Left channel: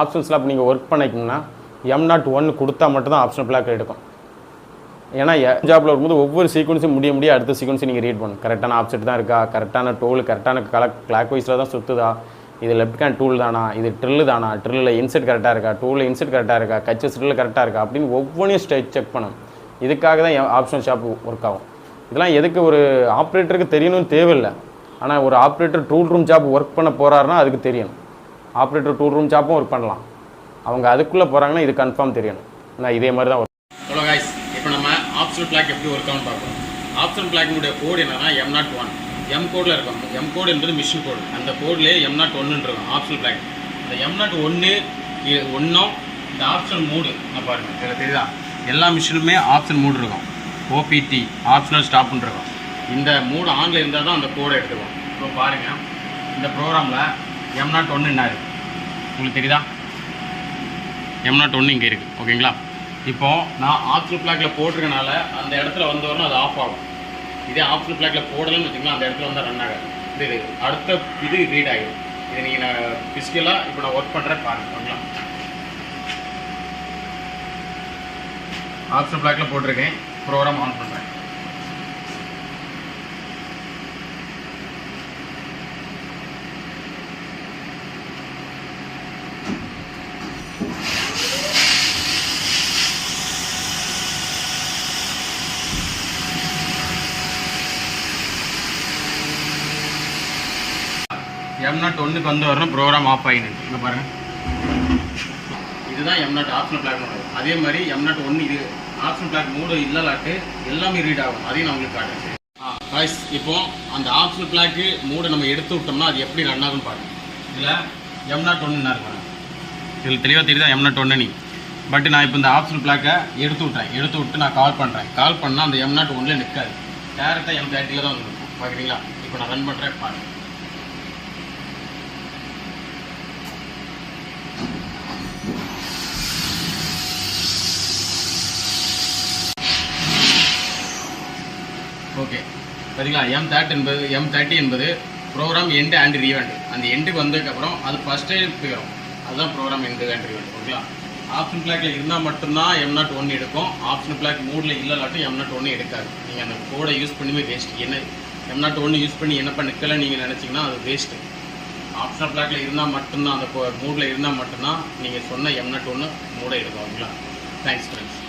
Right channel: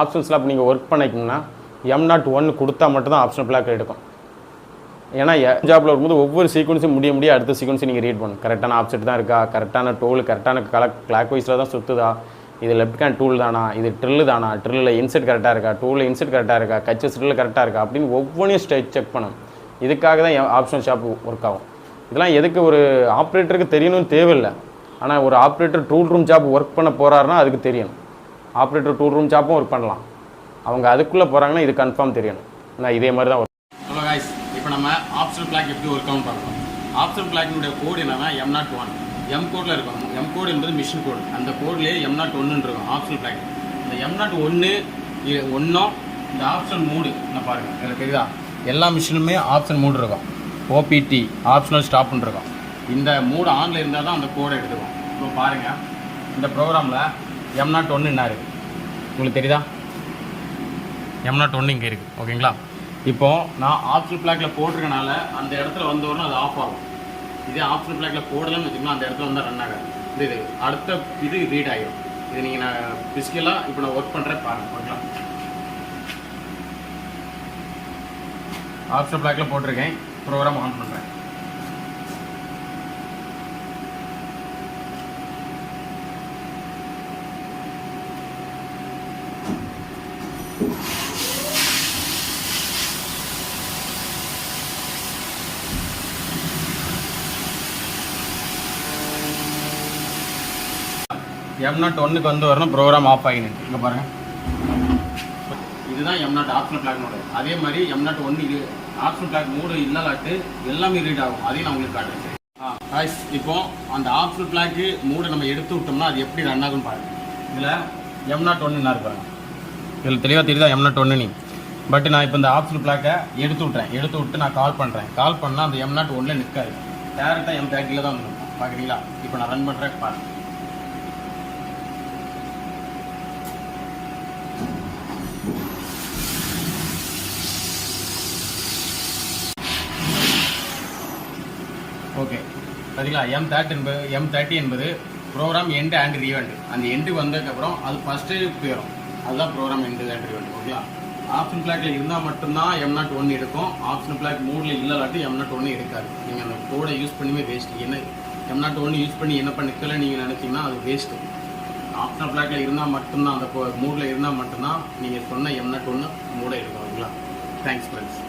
ஆப்ஷன்ஸில் அப்போ நீங்கள் work பண்ணிக்கணும்னா M01 கொடுத்தா மட்டும் தான் ஆப்ஷனல் ஃப்ளாக் எடுக்கும். ஏன்னா ஜாப்பில் வரும்போது ஒவ்வொரு சீக்வன்ஸும் முடிய அடுத்த சீக்வன்ஸை நீங்கள் ரீட் பண்ணணும். கரெக்டான ஆப்செட் தான் இருக்கா, கரெக்டான டூல் கரெக்டான கிளாக் வைஸில் தான் சுற்றுதா, இது லெஃப்ட் ஹேண்ட் டூல் தானா, இது ட்ரில்லு தானா, ட்ரில்லில் இன்செட் கரெக்டாக இருக்கா, டூலில் இன்செட் கரெக்டாக இருக்கா, கச்சஸ் ட்ரில் கரெக்டாக இருக்கா அப்படின்னு ஒவ்வொன்றையும் செக் பண்ணணும். இதுக்காக தான் ஆப்ஷனல் ஷாப் ஒர்க் ஆகும். இதெல்லாம் எதுக்கு ஒரு ஆப்ரேட்டருக்கு தெரியணும்னு தேவையில்லை. ஆனால் ஒரு operator tool room job work பண்ண போகிறாருன்னா அதுக்கு தெரியணும். ஆப்ரேட்டர் டூல் ரூம் ஜாப்பும் ஒர்க் பண்ணலாம். அவங்க அதுக்குள்ளே போகிறாங்கன்னா இது கன்ஃபார்ம் தெரியணும். நான் இதே மாதிரி தான் ஒர்க். ஹலோ கைஸ், இப்போ நம்ம ஆப்ஷனல் ஃப்ளாக் எப்படி ஒர்க் ஆகும்னு பார்க்கலாம். ஆப்ஷனல் ஃப்ளாக்கினுடைய கோடு என்னன்னா M01. M கோடில் இருக்கும். M கோடு என்பது மிஷின் கோடு. அந்த கோட்லேயே M01 இருக்கும் ஆப்ஷனல் ஃப்ளாக். இந்த M01 ஒன்றும் இந்த ஆப்ஷன் மூடு நான் பாருங்கள், எனக்கு தெரியுதா, எல்லா மிஷினுமே ஆப்ஷன் மூடு இருக்கும். OPT ஆப்ஷனல் ஸ்டாப்னு இருக்கும். இந்த மூடு ஆனில் இருந்தால் தான் அந்த கோடை எடுத்துக்கும். இப்போ பாருங்கள், இந்த ப்ரோக்ராமில் M01 என்ன இருக்குது உங்களுக்கு தெரியுதா? M01 இங்கே இருக்குது. ஓகேங்களா? இப்போது நான் ஆப்ஷனல் ஃப்ளாக்கில் போட்டிருக்கனால அந்த இடத்துல வந்தோடனே அது ஆஃப் ஆகும். இதே ஆப்ஷனல் ஃப்ளாக்கில் போடலன்னு வச்சுக்கலாம், அந்த இடத்துல வந்து ரன் ஆகாது. இது அடுத்த இது ரீட் ஆகிடும். இது நீங்கள் நான் ஃபிசிக்கலாக இப்போ நான் ஒர்க் பண்ணுறேன் பாருங்கள். ஆப்ஷனல் ஃப்ளாக்கில் போட்டிருக்கேன், ப்ரோக்ராம் ஆன் பண்ணுறேன். M01 வந்து வரணும், ப்ரோக்ராம் ஆஃப் ஆகிடுது. இங்கே பாருங்கள், இதுதான் M0 ஆப்ஷனல் ஃப்ளாக் மூடு. அதே மாதிரி M01 இது ஆப்ஷனல் ஃப்ளாக் மூடு இல்லலாட்டு எல்லாமே ரீட் ஆகும். அதையும் நான் உங்களுக்கு காட்டுறேன். காய்ஸ், இப்போ அந்த ஆப்ஷனல் ஃப்ளாக்கு மூடை நம்ம எடுத்து விட்டோம்னா அது எப்படி ரன் ஆகும்னு பாருங்கள். இதில் M01 என்ன இருப்பாங்க, இதில் தெளிவாக தெரியுதா M01 நீ. பட் நான் இப்போ இந்த ஆப்ஷனல் ஃப்ளாக்கை எடுத்து விட்டு நான் கால் பண்ணுறேன். கால் பண்ணால் அந்த M01 நிற்காது, டேரெக்டாக M30 தான் வந்து பார்க்குறீங்களா? இப்போ நான் ரன் பண்ணுறேன் பாருங்கள். ஓகே, சரிங்களா? M30 என்பது ப்ரோக்ராம் எண்டு அண்ட் ரீவெண்ட். அந்த எண்டுக்கு வந்ததுக்கப்புறம் அது ஃபஸ்ட்டு போயிடும். அதுதான் ப்ரோக்ராம் எண்டு அண்ட் ரீவெண்ட். ஓகேங்களா? ஆப்ஷன் ஃப்ளாக்கில் இருந்தால் மட்டும்தான் M01 எடுக்கும். ஆப்ஷன் ஃப்ளாக் மூடில் இல்லைலாட்டி M01 எடுக்காது. நீங்கள் அந்த கோடை யூஸ் பண்ணியுமே வேஸ்ட்டு. என்ன M01 யூஸ் பண்ணி என்ன நிற்கலை நீங்கள் நினச்சிங்கன்னா அது வேஸ்ட்டு. ஆப்ஷனல் ஃப்ளாக்கில் இருந்தால் மட்டும்தான், அந்த மூடில் இருந்தால் மட்டும்தான் நீங்கள் சொன்ன M01 மூடை எடுக்கும். ஓகேங்களா? Thanks friends.